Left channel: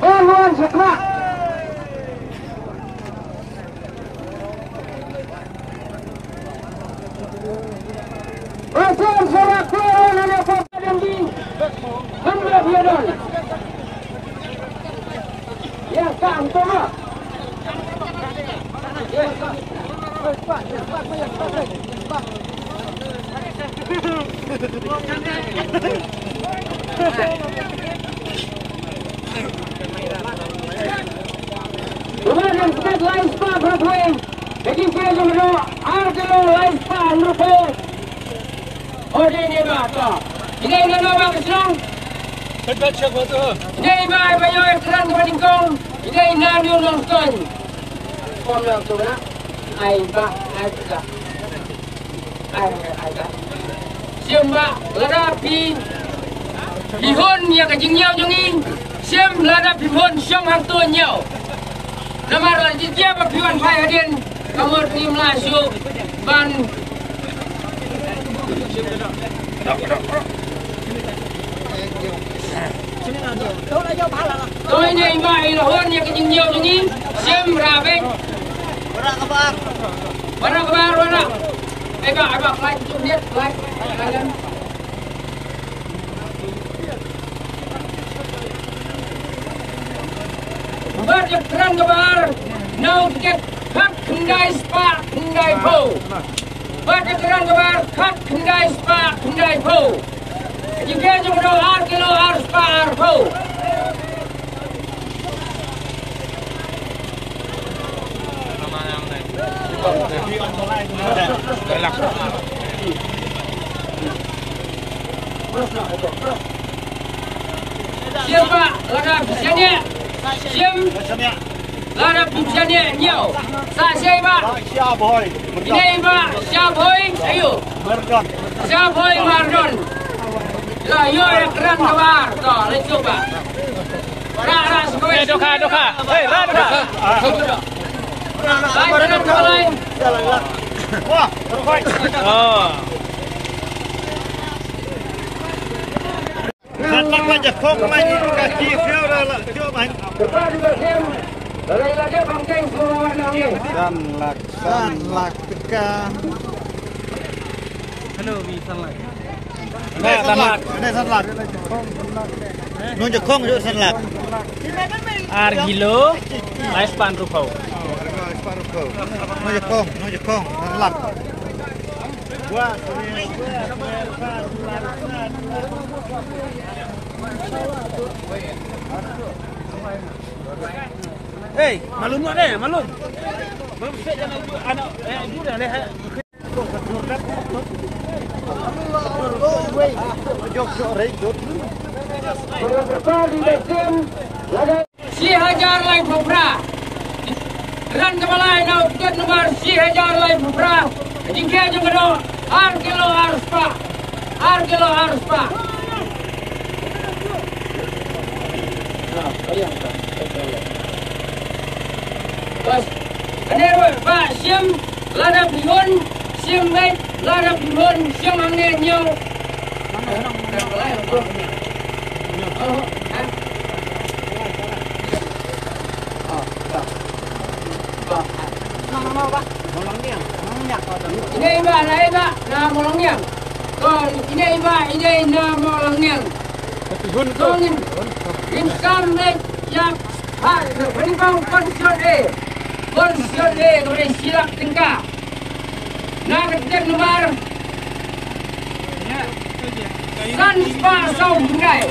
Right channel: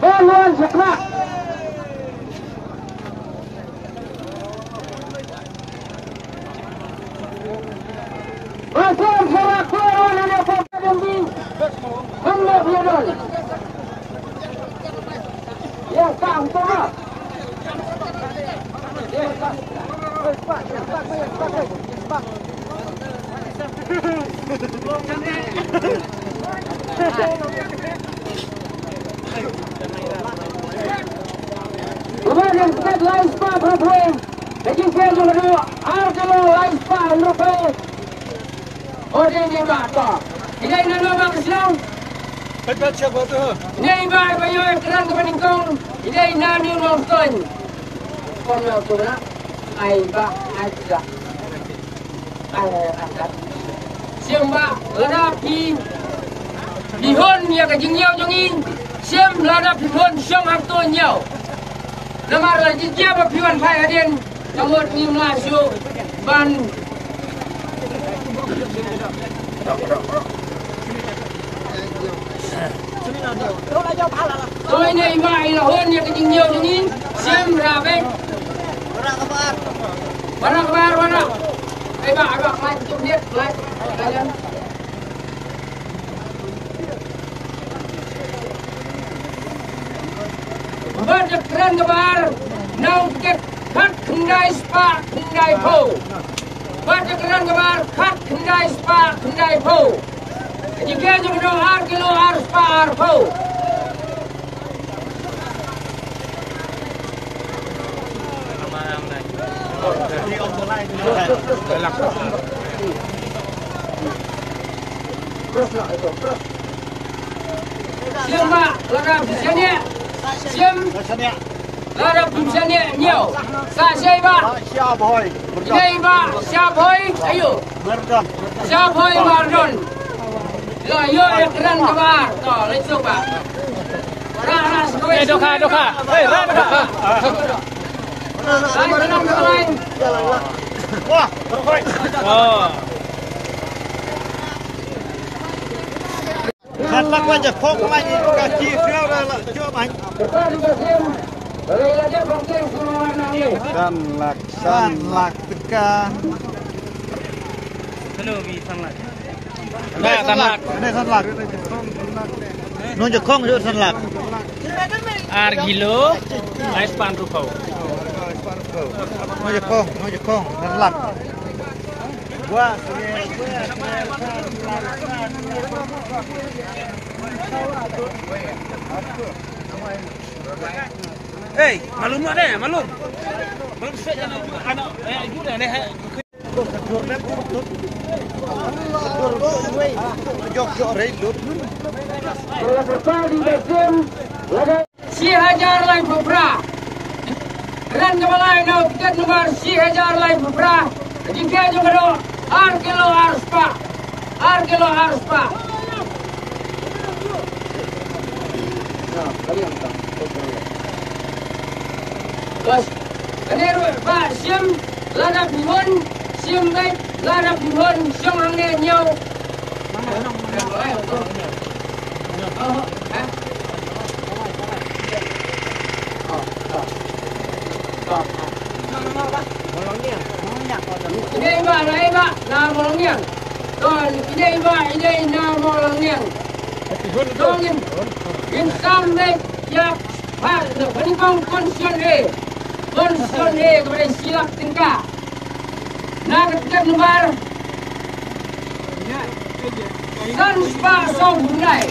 Haluan sakra. Masuk sama khur nama pokok di hendak biaran. Ya kang tengah. Ya kang. Kemarin kita lain spa bermain. Jadi saya juga harga lain spa lupa. Oh ini apa? Ini nama kesenang. Hebat siapa tu? Ini bayar keren kepeningkong. Ini nani nonton. Kono tu na. Ai juga. Siapa lada pi bihon ya kejengnya jengin. Siapa lada bihon siapa hak tu nyau. Nama lagi dia berpiwan pai hadian. Kamu ni melasuk ban. Tôi này vậy là hơn như cái chừng nhiều cho nghĩ xem ra bên bạn nào đây bạn lại chụp biết lại lên bạn chụp keren các bạn nào get khát khungai spa khungai po bạn chụp keren các bạn khát khungai spa khungai po jika jumlah dolar kilo harus par po. Siapa lada bisanya? Siapa lada bisanya nhiều. Siapa? Siapa? Ini pak siapa? Ayo. Siapa Mardon? Lah yo yang keren kabar. Toh, let's go pak. Doka. Doka. Lain. Wah, terbaik. Oh. Lakh aja kong lagi kaki feel dah coba main. Lakh kita. Hello, Lakh. Nah, Lakh. Ini Lakh. Nunjuk kong itu Lakh. Argilo, lais pan rupau. Nunjuk kong, Lakh. Wah, Hey, malum tak deh, malum. Malum saja anak juga deh. Sihajar lain pupra. Ran kebalai nau tiket nomor sihajar lain pupra. Jika juga do harga harus pak. Nah, kalian tak. Bas, kenapa pak sim lada bihun sim baik lada bihun siang angin nyau. Ini pak, nah molongnya. Ini pak, ini nah molongnya. Tolong insan naik yang peningkong konstitusi kepada silap tengkah. Nah ketiga nomor San Spa Saung Tunai.